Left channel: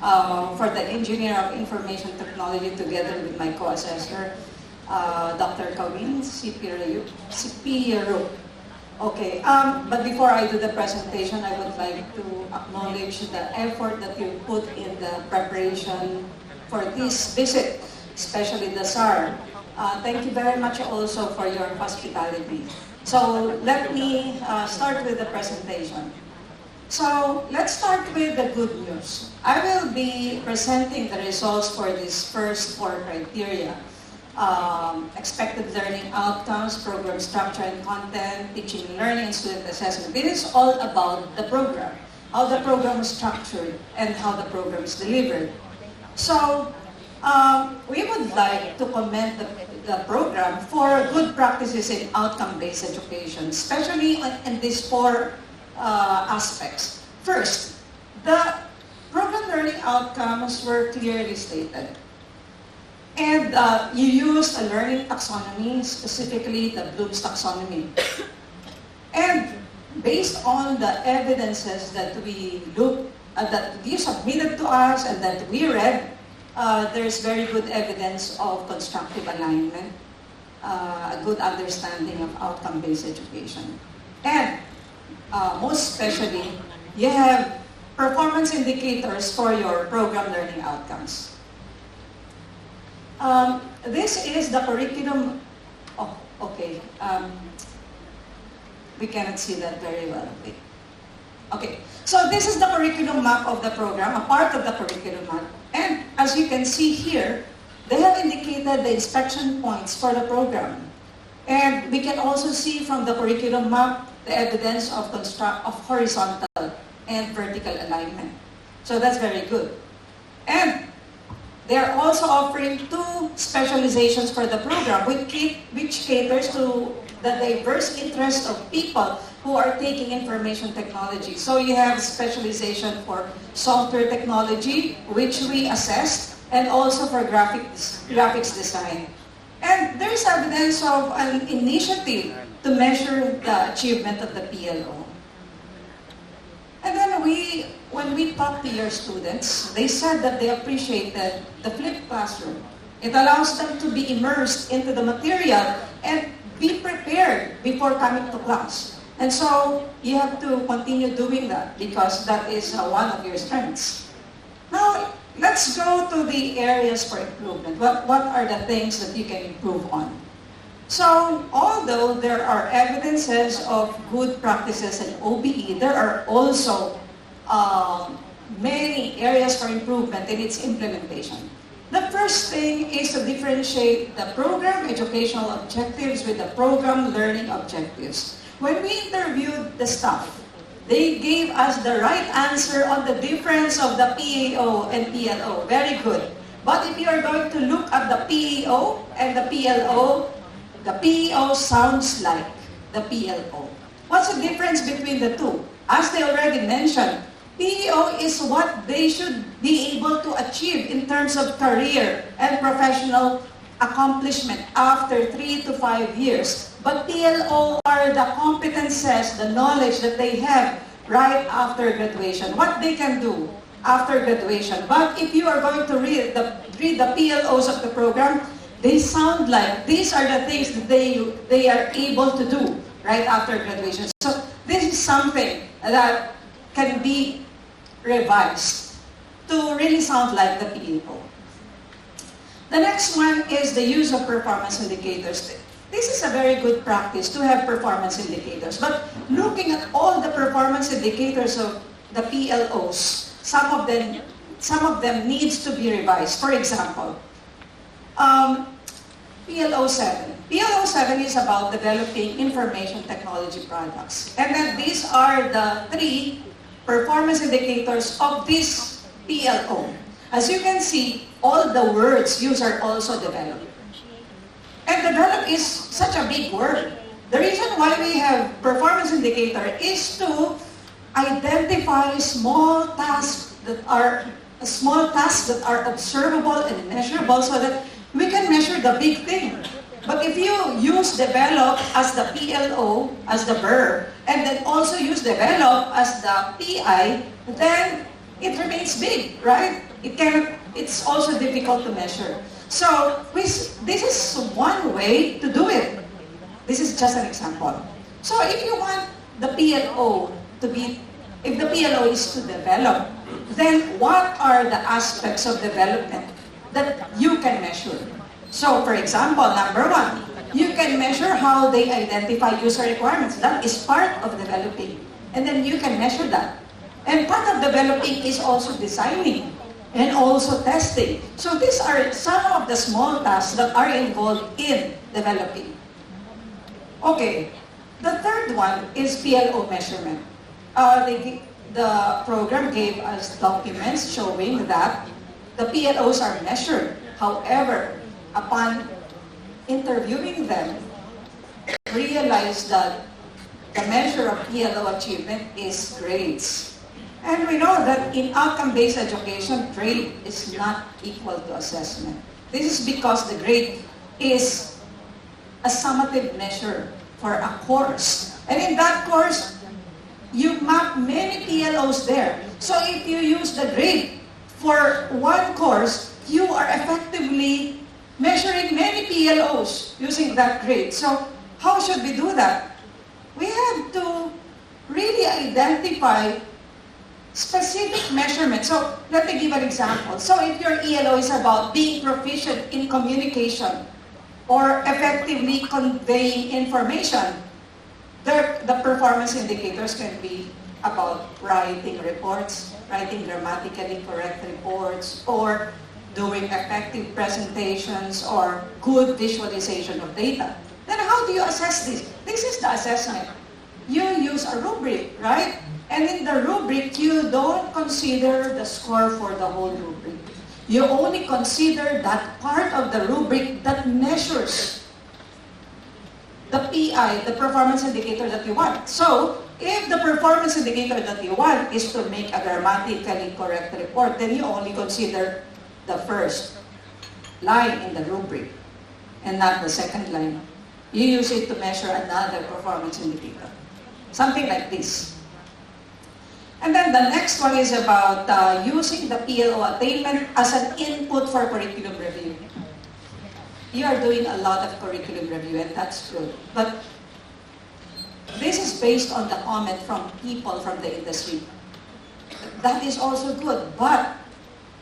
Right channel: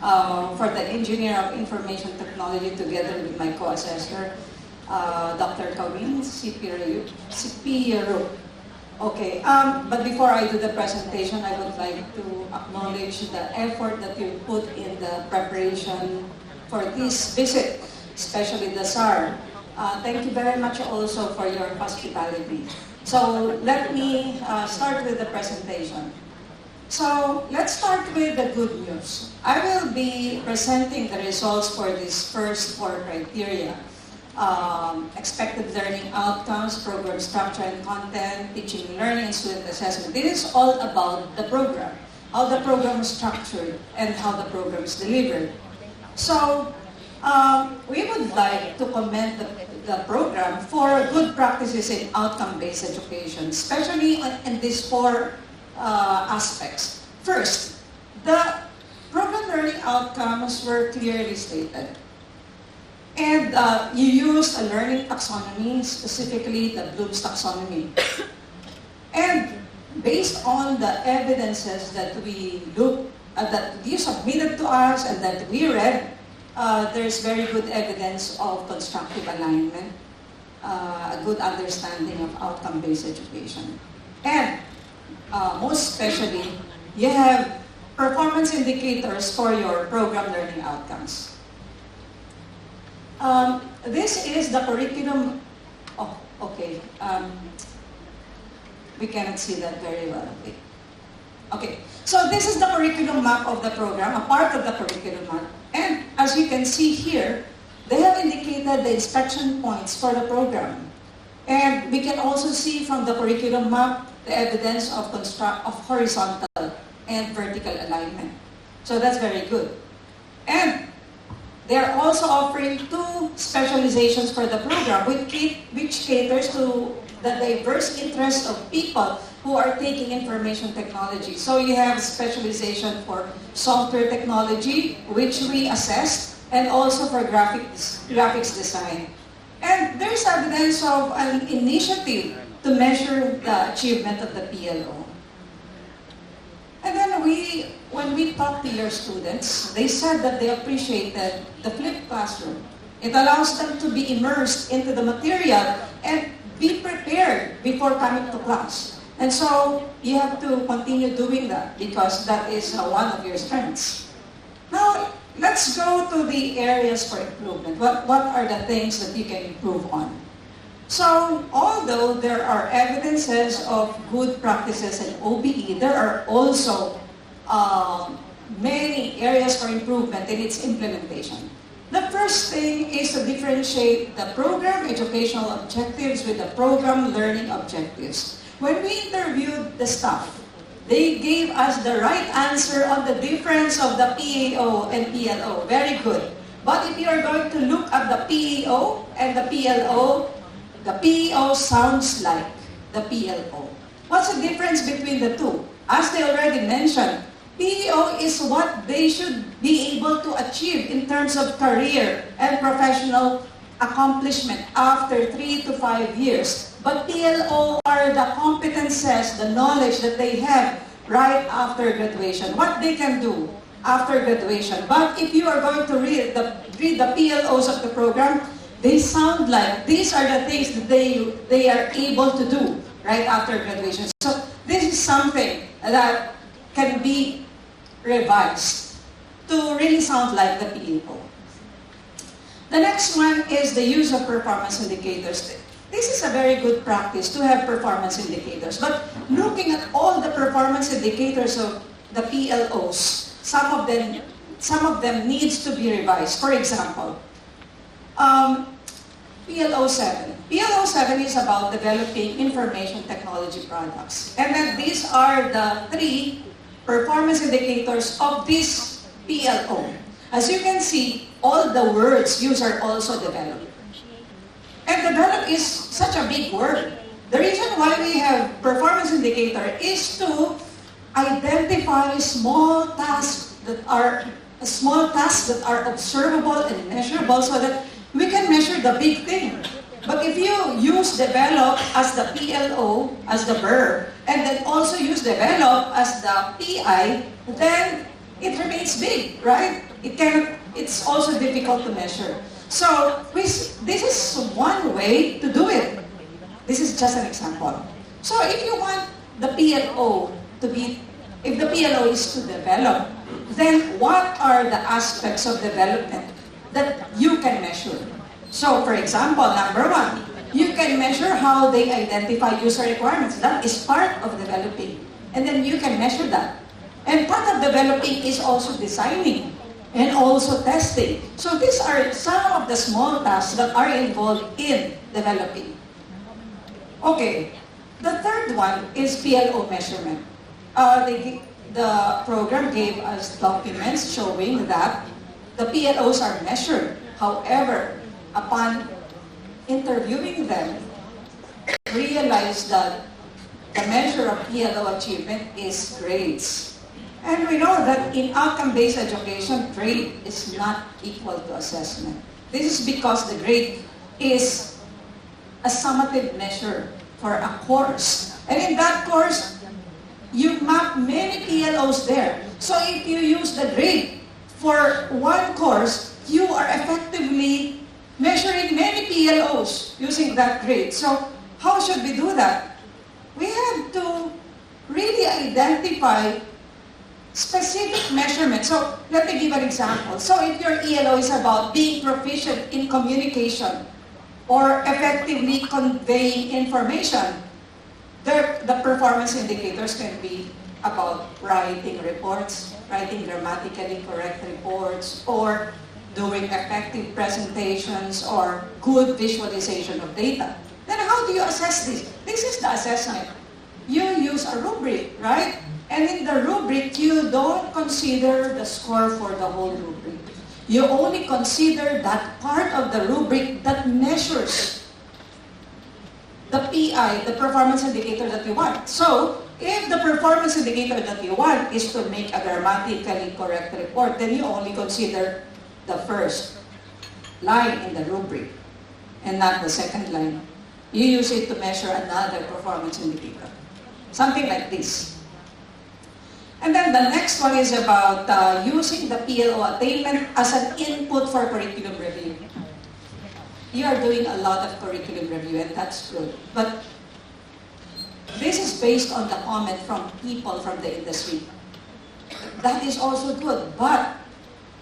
for the Engineer of Information Technology together with my co-assessor, Dr. Kawin Sipiero. Okay, but before I do the presentation, I would like to acknowledge the effort that you put in the preparation for this visit, especially the SAR. Thank you very much also for your hospitality. So let me start with the presentation. So let's start with the good news. I will be presenting the results for these first 4 criteria. Expected learning outcomes, program structure and content, teaching and learning, and student assessment. This is all about the program, how the program is structured, and how the program is delivered. So we would like to commend the program for good practices in outcome-based education, especially in these 4 aspects. First, the program learning outcomes were clearly stated. And you used a learning taxonomy, specifically the Bloom's taxonomy. And based on the evidences that that you submitted to us and that we read, there's very good evidence of constructive alignment, a good understanding of outcome-based education. And most especially, you have performance indicators for your program learning outcomes. This is the curriculum. Oh, okay. We cannot see that very well. Okay. So this is the curriculum map of the program, a part of the curriculum map. And as you can see here, they have indicated the inspection points for the program. And we can also see from the curriculum map the evidence of horizontal and vertical alignment. So that's very good. And they're also offering 2 specializations for the program, which caters to the diverse interests of people who are taking information technology. So you have specialization for software technology, which we assessed, and also for graphics design. And there's evidence of an initiative to measure the achievement of the PLO. And then when we talked to your students, they said that they appreciated the flipped classroom. It allows them to be immersed into the material and be prepared before coming to class. And so you have to continue doing that because that is one of your strengths. Now, let's go to the areas for improvement. What are the things that you can improve on? So, although there are evidences of good practices in OBE, there are also many areas for improvement in its implementation. The first thing is to differentiate the program educational objectives with the program learning objectives. When we interviewed the staff, they gave us the right answer on the difference of the PAO and PLO. Very good. But if you are going to look at the PAO and the PLO sounds like the PLO. What's the difference between the 2? As they already mentioned, PEO is what they should be able to achieve in terms of career and professional accomplishment after 3 to 5 years. But PLO are the competences, the knowledge that they have right after graduation, what they can do after graduation. But if you are going to read the PLOs of the program, they sound like these are the things that they are able to do right after graduation. So this is something that can be revised to really sound like the PEO. The next one is the use of performance indicators. This is a very good practice to have performance indicators. But looking at all the performance indicators of the PLOs, some of them needs to be revised. For example, PLO 7. PLO 7 is about developing information technology products. And then these are the 3 performance indicators of this PLO. As you can see, all the words used are also developed. And develop is such a big word. The reason why we have performance indicator is to identify small tasks that are observable and measurable so that we can measure the big thing. But if you use develop as the PLO, as the verb, and then also use develop as the PI, then it remains big, right? It's also difficult to measure. So this is one way to do it. This is just an example. So if you want the PLO to be, if the PLO is to develop, then what are the aspects of development that you can measure? So for example, number one, you can measure how they identify user requirements. That is part of developing. And then you can measure that. And part of developing is also designing and also testing. So these are some of the small tasks that are involved in developing. Okay, the third one is PLO measurement. The program gave us documents showing that the PLOs are measured. However, upon interviewing them, realized that the measure of PLO achievement is grades. And we know that in outcome-based education, grade is not equal to assessment. This is because the grade is a summative measure for a course. And in that course, you map many PLOs there. So if you use the grade for one course, you are effectively measuring many PLOs using that grade. So how should we do that? We have to really identify specific measurements. So let me give an example. So if your ELO is about being proficient in communication or effectively conveying information, the performance indicators can be about writing reports, writing grammatically correct reports, or doing effective presentations or good visualization of data. Then how do you assess this? This is the assessment. You use a rubric, right? And in the rubric, you don't consider the score for the whole rubric. You only consider that part of the rubric that measures the PI, the performance indicator that you want. So, if the performance indicator that you want is to make a grammatically correct report, then you only consider the first line in the rubric and not the second line. You use it to measure another performance indicator. Something like this. And then the next one is about using the PLO attainment as an input for curriculum review. You are doing a lot of curriculum review, and that's good. But this is based on the comment from people from the industry. That is also good. But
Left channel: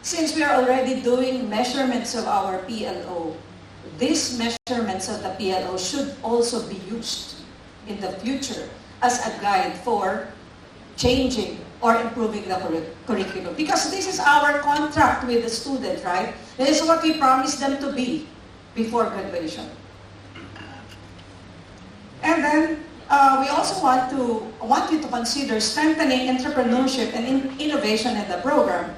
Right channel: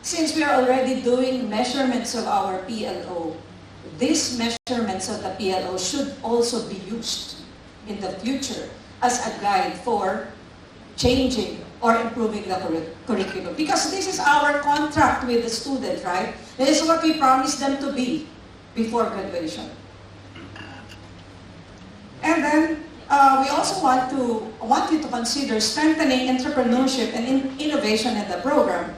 since we are already doing measurements of our PLO, these measurements of the PLO should also be used in the future as a guide for changing or improving the curriculum. Because this is our contract with the student, right? This is what we promised them to be before graduation. And then we also want you to consider strengthening entrepreneurship and innovation in the program,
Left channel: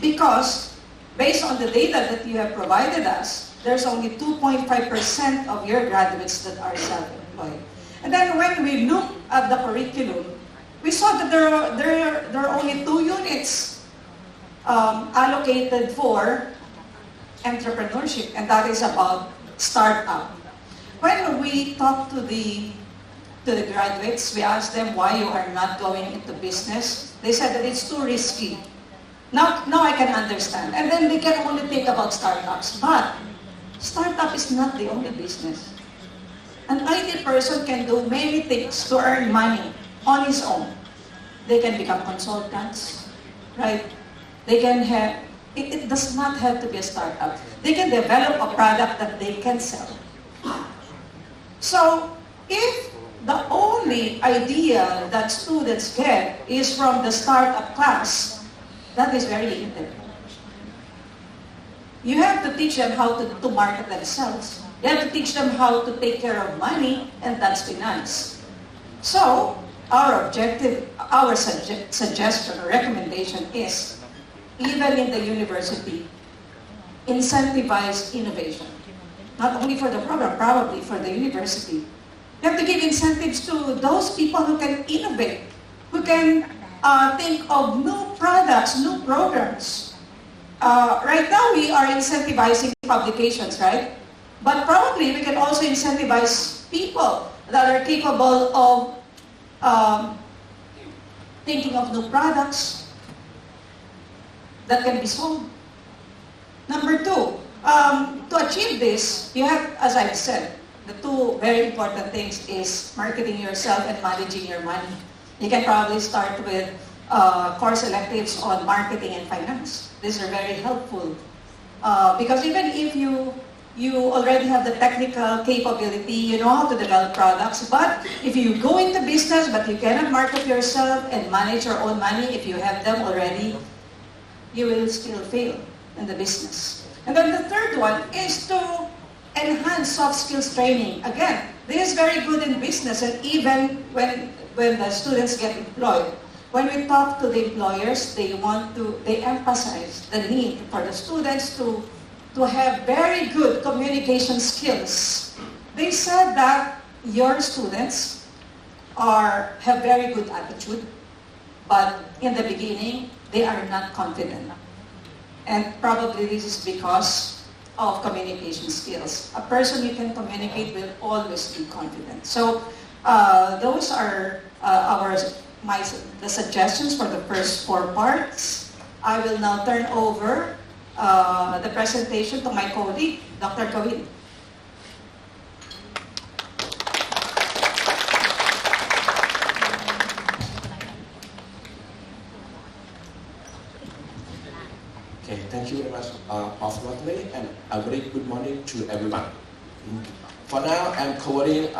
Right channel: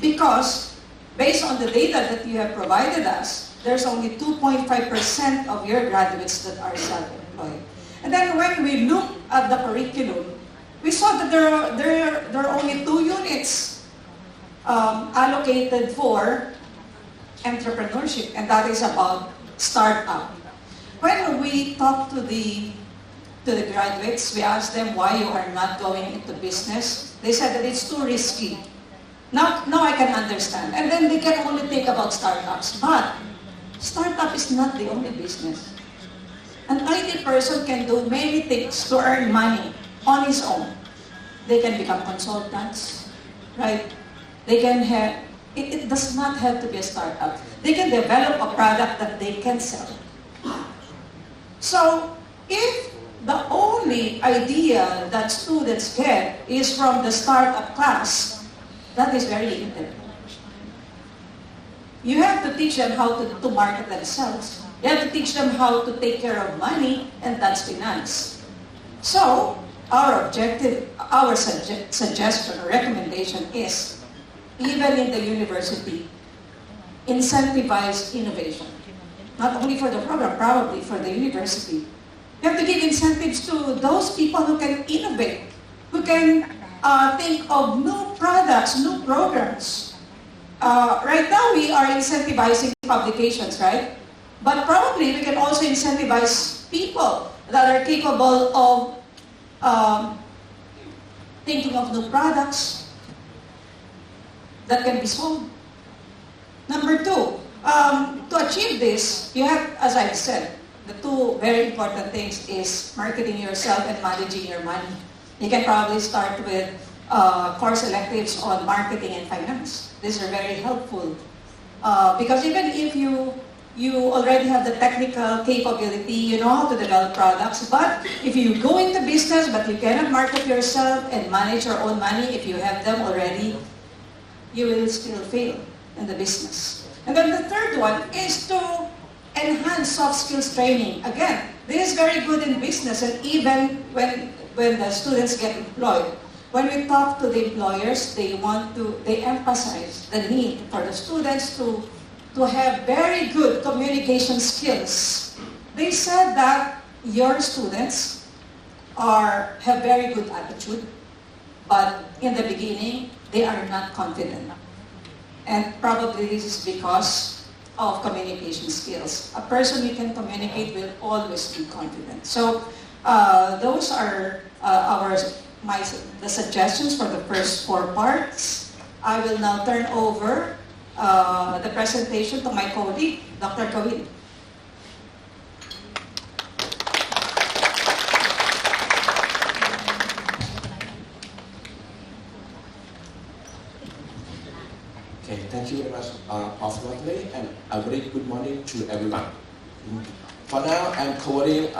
because based on the data that you have provided us, there's only 2.5% of your graduates that are self-employed. And then when we look at the curriculum, we saw that there are only 2 units allocated for entrepreneurship, and that is about startup. When we talk to the graduates, we asked them why you are not going into business. They said that it's too risky. Now I can understand. And then they can only think about startups. But startup is not the only business. An IT person can do many things to earn money on his own. They can become consultants, right? They can have, it does not have to be a startup. They can develop a product that they can sell. So, if the only idea that students get is from the startup class, that is very limited. You have to teach them how to market themselves. You have to teach them how to take care of money, and that's finance. So, our objective, our suggestion or recommendation is, even in the university, incentivize innovation. Not only for the program, probably for the university. You have to give incentives to those people who can innovate, who can think of new products, new programs. Right now, we are incentivizing publications, right? But probably we can also incentivize people that are capable of thinking of new products, that can be solved. Number two, to achieve this, you have, as I've said, the two very important things is marketing yourself and managing your money. You can probably start with course electives on marketing and finance. These are very helpful because even if you already have the technical capability, you know how to develop products, but if you go into business but you cannot market yourself and manage your own money, if you have them already, you will still fail in the business. And then the third one is to enhance soft skills training. Again, this is very good in business and even when the students get employed. When we talk to the employers, they emphasize the need for the students to have very good communication skills. They said that your students have very good attitude, but in the beginning, they are not confident. And probably this is because of communication skills. A person you can communicate will always be confident. So those are the suggestions for the first 4 parts. I will now turn over the presentation to my colleague, Dr. Kawin. Okay, thank you very much, Prof. Natalie, and a very good morning to everyone. For now, I'm covering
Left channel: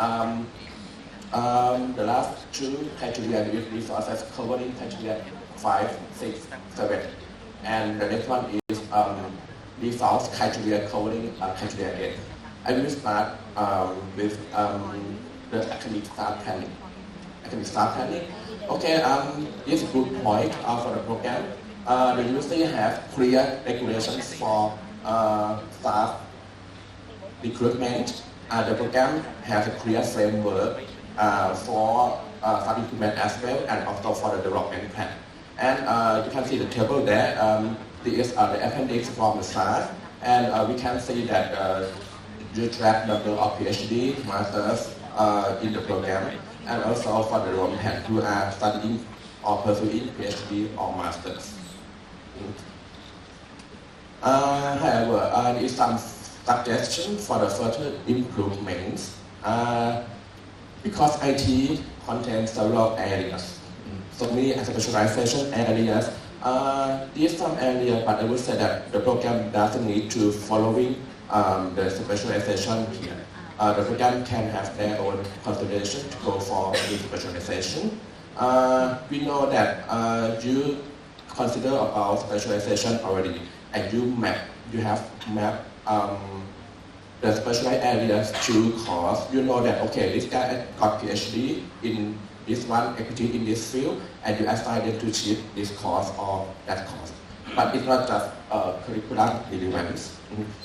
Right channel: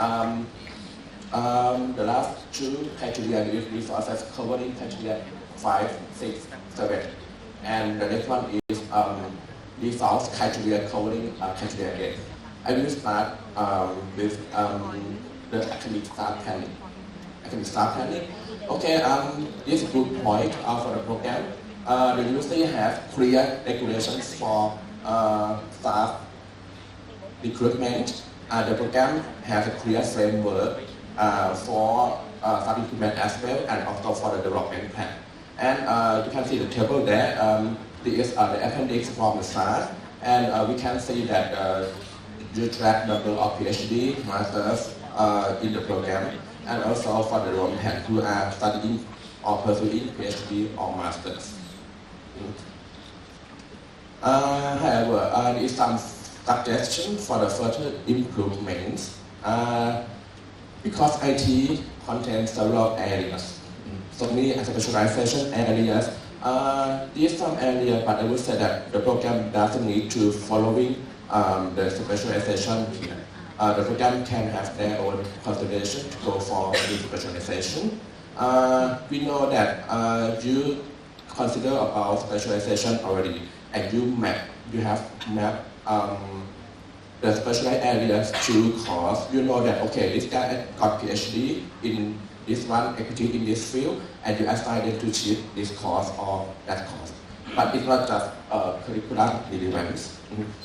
the last 2 criteria resources, covering criteria 5, 6, 7. And the next one is resource criteria covering criteria 8. I will start with the academic staff planning. Okay, this is a good point for the program. The university has clear regulations for staff recruitment. The program has a clear framework for staff recruitment as well, and also for the development plan. And you can see the table there. This is the appendix from the start, and we can see that you track number of PhD, masters in the program, and also for the development plan who are studying or pursuing PhD or masters. However, there is some suggestion for the further improvements because IT contains several areas, so many specialization areas. These some areas, but I would say that the program doesn't need to following the specialization here. The program can have their own consideration to go for the specialization. We know that you consider about specialization already, and you have mapped the specialized areas to course. You know that okay, this guy got PhD in this one, equity in this field, and you assign them to teach this course or that course. But it's not just curriculum relevance.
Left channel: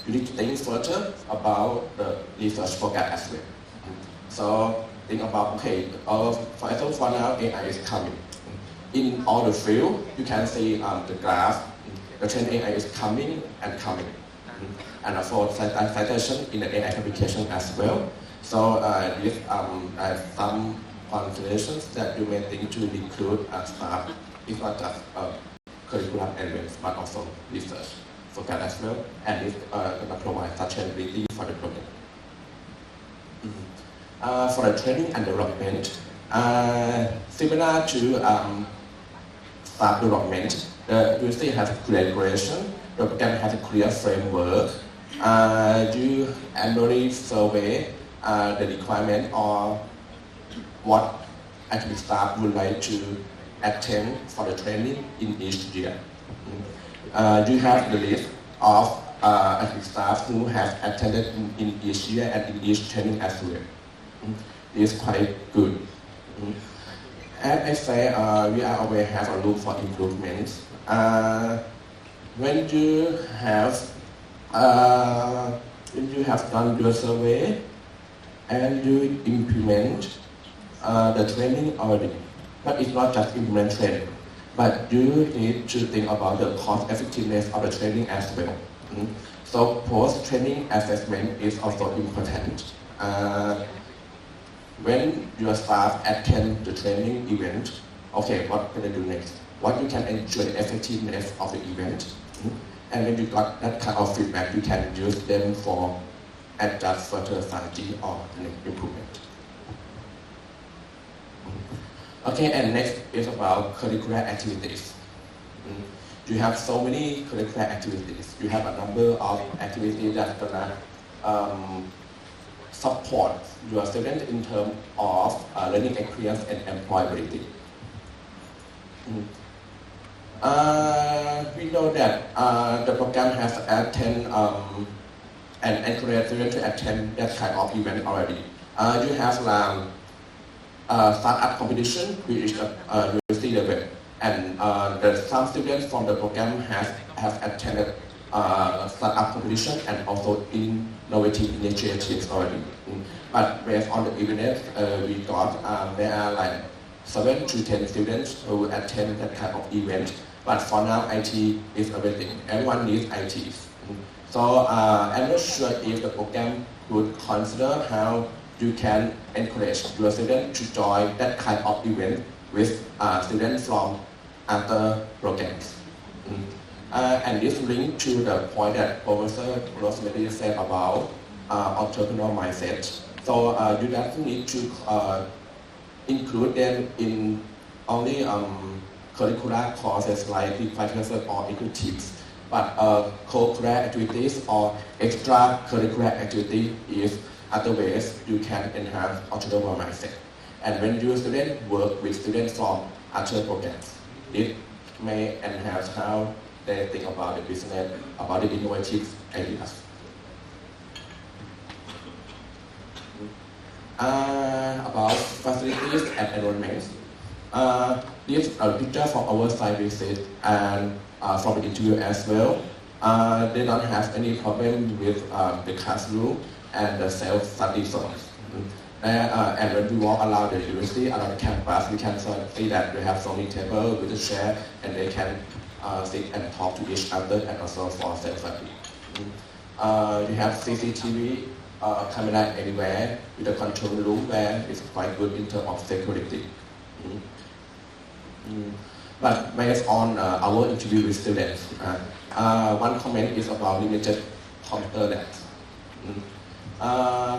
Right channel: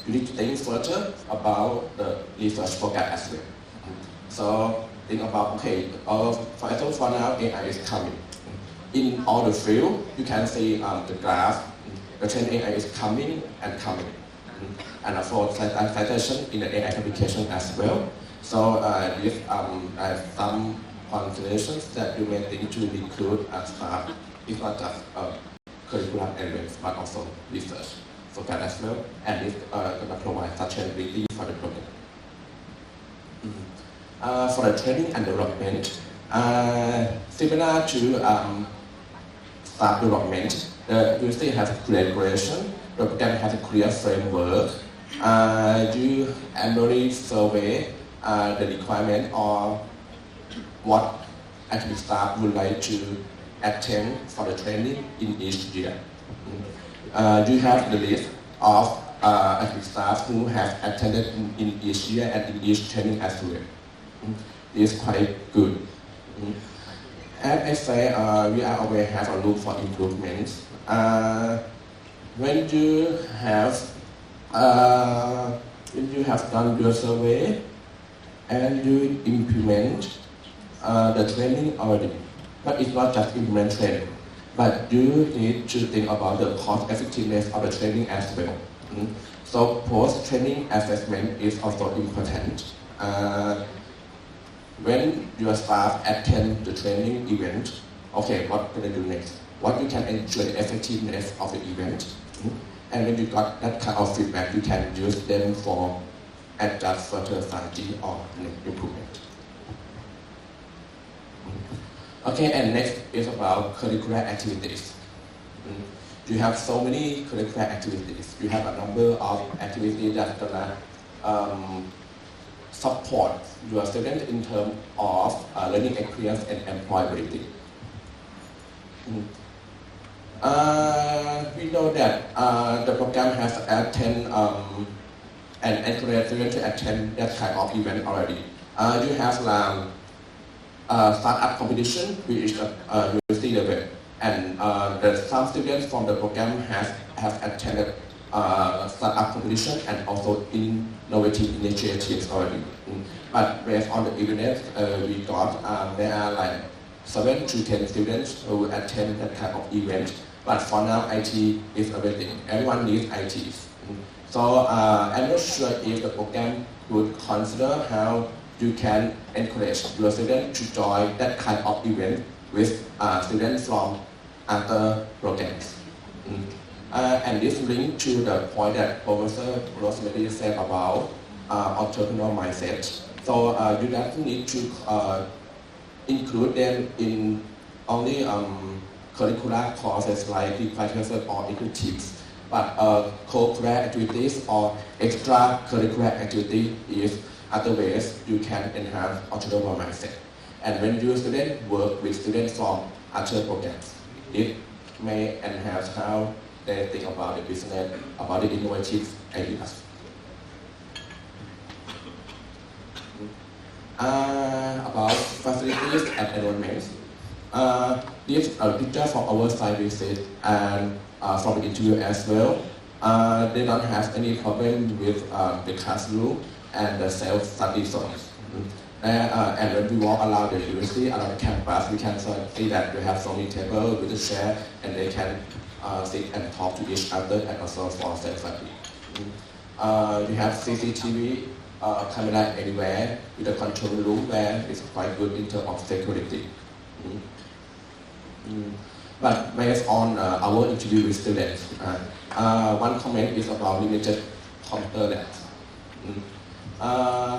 You need to think further about the research program as well. So think about okay, for example, for now AI is coming. In all the field, you can see the graph. The trend AI is coming and coming, and for citation in the AI application as well. So this some considerations that you may think to include as staff. It's not just curriculum elements, but also research focus as well, and it's going to provide sustainability for the program. For the training and development, similar to staff development, the university has a clear regulation, the program has a clear framework. You annually survey the requirement or what academic staff would like to attend for the training in each year. You have the list of academic staff who have attended in each year and in each training as well. It's quite good. As I say, we are always have a room for improvements. When you have done your survey and you implement the training already, but it's not just implement training, but you need to think about the cost effectiveness of the training as well. So post-training assessment is also important. When your staff attend the training event, okay, what can they do next? what you can ensure the effectiveness of the event. And when you got that kind of feedback, you can use them for adjust further strategy or improvement. Okay, and next is about curricular activities. You have so many curricular activities. You have a number of activities that gonna support your students in terms of learning experience and employability. We know that the program has attend and encourage students to attend that kind of event already. You have startup competition, which is university level, and some students from the program have attended startup competition and also innovative initiatives already. But based on the evidence we got, there are like 7 to 10 students who attend that kind of event. But for now, IT is everything. Everyone needs IT. So I'm not sure if the program would consider how you can encourage your students to join that kind of event with students from other programs. And this links to the point that Professor Rosemary said about entrepreneurial mindset. So you don't need to include them in only curricular courses like requirements or equitives, but co-curricular activities or extracurricular activity is other ways you can enhance entrepreneurial mindset. And when your students work with students from other programs, it may enhance how they think about the business, about the innovative ideas. About facilities and enrollments. This is a picture from our site visit and from the interview as well. They don't have any problem with the classroom and the self-study zones. And when we walk around the university, around the campus, we can see that they have so many tables with a chair and they can sit and talk to each other and also for self-study. You have CCTV camera anywhere with a control room where it's quite good in terms of security. But based on our interview with students, one comment is about limited computer labs.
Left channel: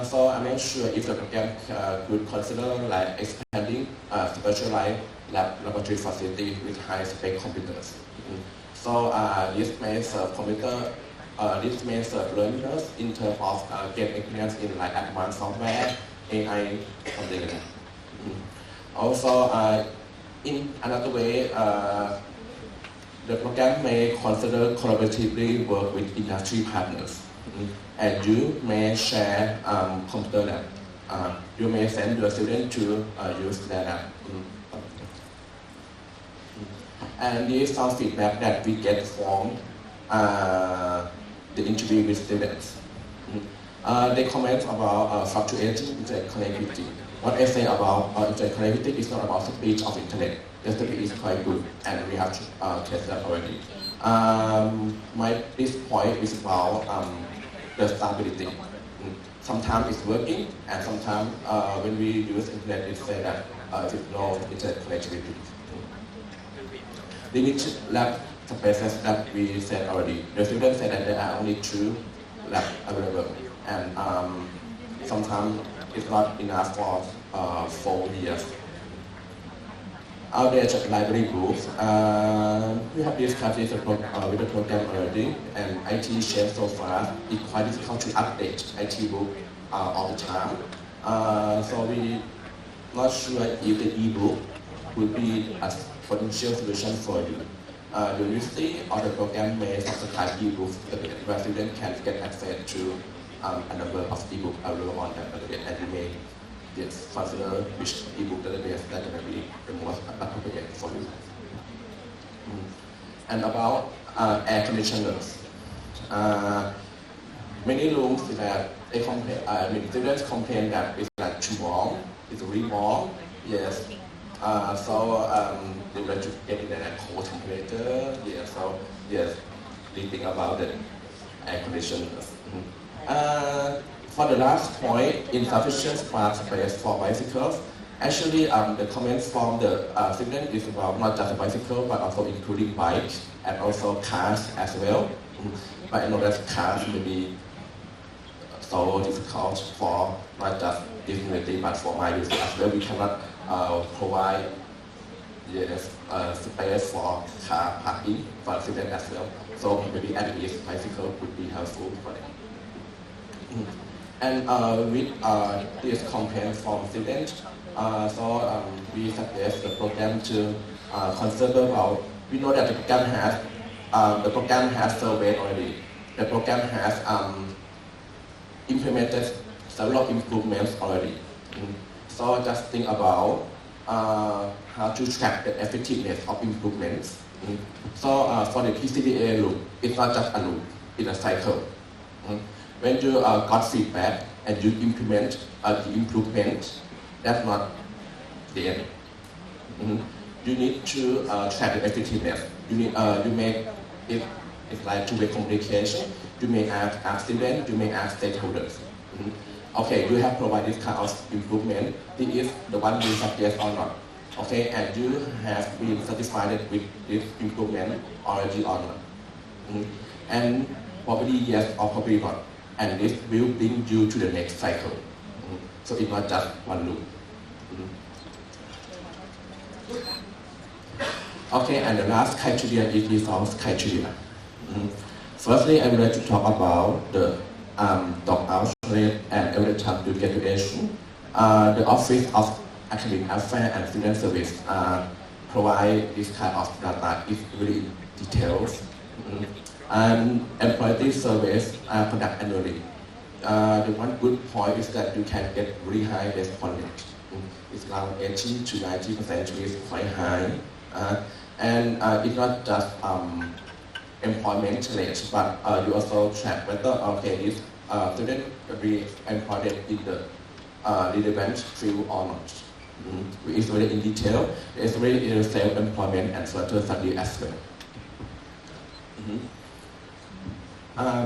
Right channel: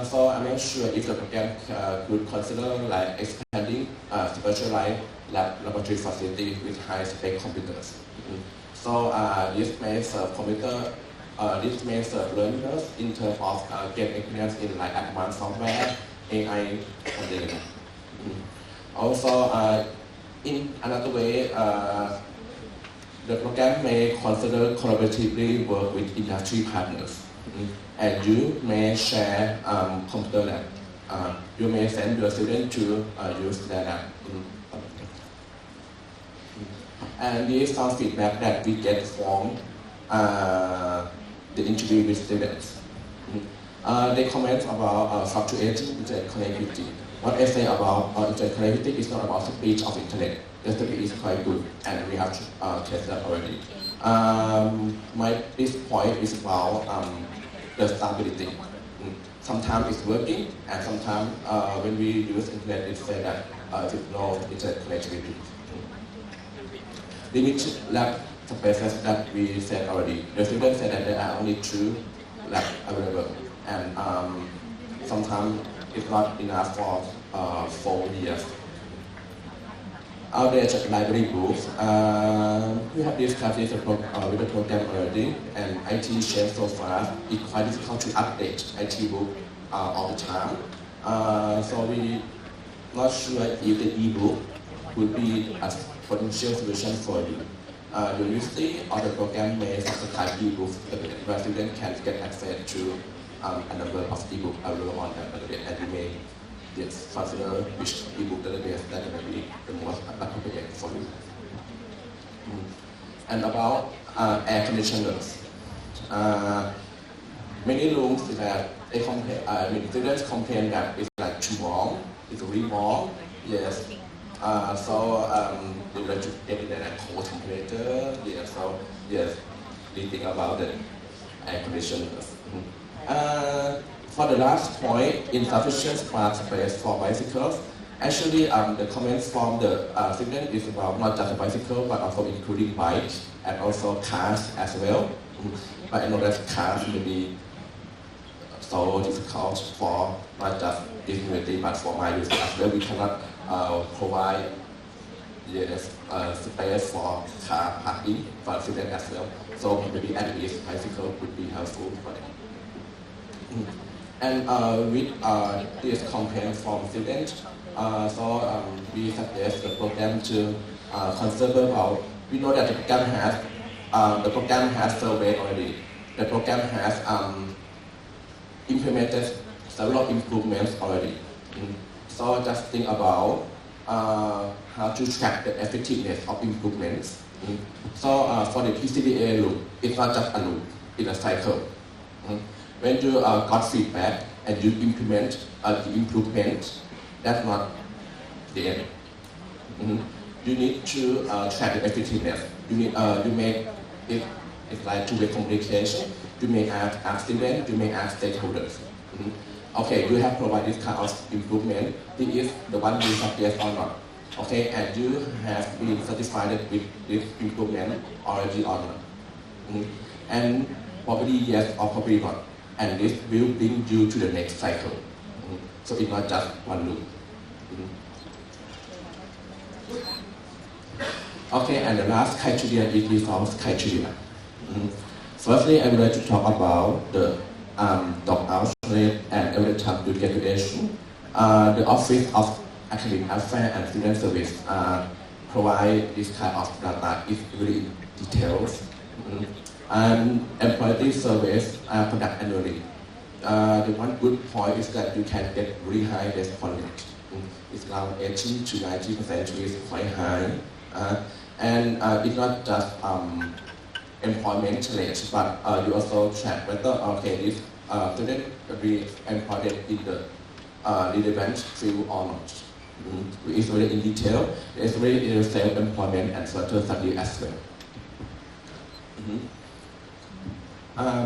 So I'm not sure if the program could consider like expanding specialized laboratory facilities with high-spec computers. So this may serve this may serve learners in terms of get experience in like advanced software, AI, something like that. Also, in another way, the program may consider collaboratively work with industry partners. And you may share computer lab. You may send your student to use their lab. And this is some feedback that we get from the interview with students. They comment about fluctuating internet connectivity. What I say about internet connectivity is not about speed of internet. The speed is quite good, and we have tested that already. This point is about the stability. Sometimes it's working, and sometimes when we use internet, it says that there's no internet connectivity. Limited lab spaces that we said already. The students said that there are only 2 labs available, and sometimes it's not enough for 4 years. Outdated library books. We have discussed this with the program already, and IT changed so fast. It's quite difficult to update IT book all the time. So we not sure if the e-book would be a potential solution for you. The university or the program may subscribe e-books where students can get access to a number of e-books available on that database, and you may consider which e-book database that will be the most appropriate for you. And about air conditioners. Many rooms that students complain that it's like too warm, it's really warm. Yes. They would like to get in a cold temperature. Yes. So yes, they think about the air conditioners. For the last point, insufficient park space for bicycles. Actually, the comments from the student is about not just bicycle, but also including bikes and also cars as well. But I know that cars may be so difficult for not just this community, but for my youth as well. We cannot provide space for car parking for students as well. So maybe at least bicycle would be helpful for them. And with this complaint from students, we suggest the program to consider about. We know that the program has surveyed already. The program has implemented several improvements already. So just think about how to track the effectiveness of improvements. So for the PCDA loop, it's not just a loop, it's a cycle. When you got feedback and you implement the improvement, that's not the end. You need to track the effectiveness. You make it, it's like two-way communication. You may ask students, you may ask stakeholders. Okay, you have provided this kind of improvement. This is the one you suggest or not. Okay, and you have been satisfied with this improvement already or not. And probably yes or probably not. And this will bring you to the next cycle. So it's not just one loop. Okay, and the last criteria is resource criteria. Firstly, I would like to talk about the dropout rate and average time to graduation. The Office of Academic Affairs and Student Service provide this kind of data. It's really detailed. And employee surveys are conducted annually. The one good point is that you can get really high response rate. It's around 80 to 90%, which is quite high. And it's not just employment rate, but you also track whether this student will be employed in the relevant field or not. It's very in detail. It's very in self-employment and further study as well.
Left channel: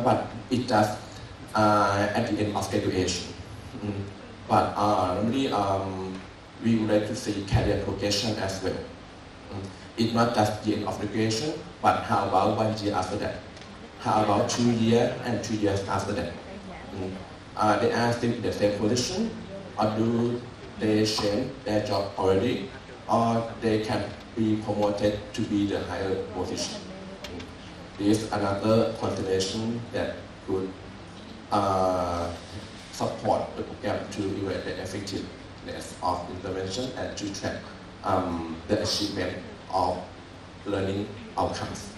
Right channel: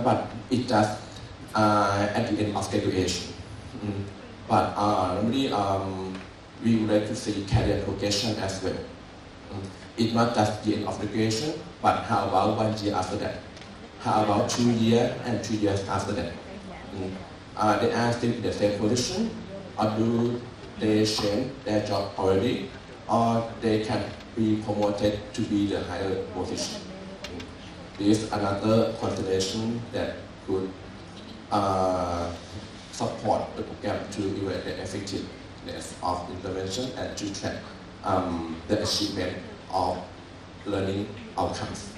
But it does at the end of graduation. But normally we would like to see career progression as well. It's not just the end of graduation, but how about 1 year after that? How about 2 years and 2 years after that? They are still in the same position, or do they change their job already, or they can be promoted to be the higher position? This is another consideration that could support the program to evaluate the effectiveness of intervention and to track the achievement of learning outcomes.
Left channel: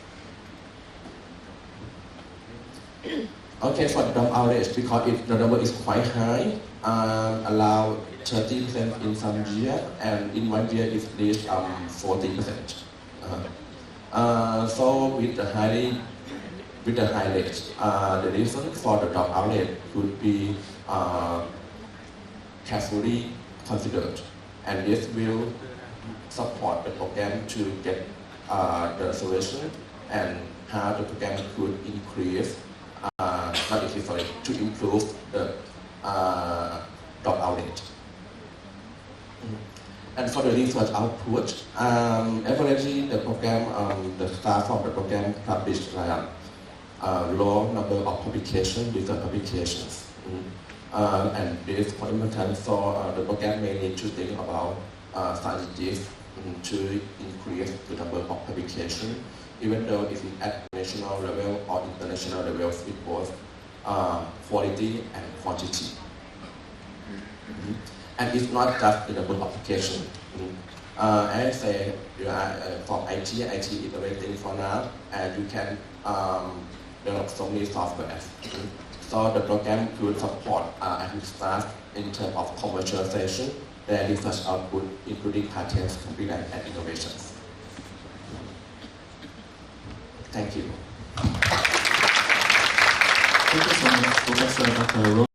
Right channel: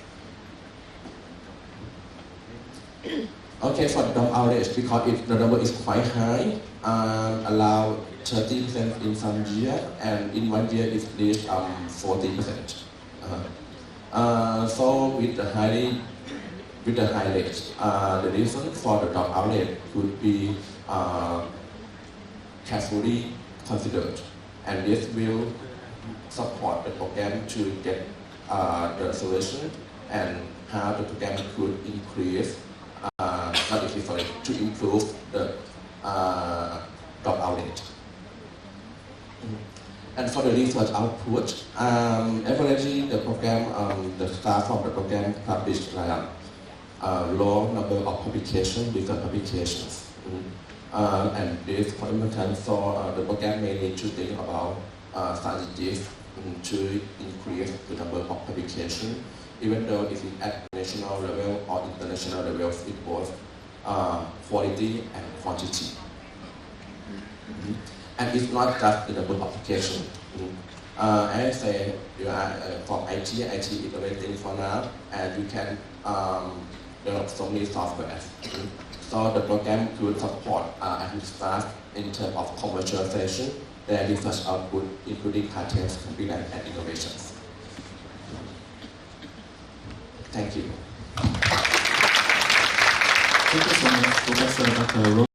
Okay, for the dropout rate, because the number is quite high, allow 30% in some year, and in 1 year it reached 40%. So with the high rate, the reason for the dropout rate could be carefully considered, and this will support the program to get the solution and how the program could increase, to improve the dropout rate. And for the research output, averagely the program, the staff of the program published a low number of publications, research publications. And this is quite important, so the program may need to think about strategies to increase the number of publications, even though it is at national level or international level, it both quality and quantity. And it's not just the number of applications. I say you are from IT is innovating for now, and you can develop so many software. So the program could support academic staff in terms of commercialization, their research output, including patents, copyright, and innovations. Thank you. Thank you so much, Professor Dr.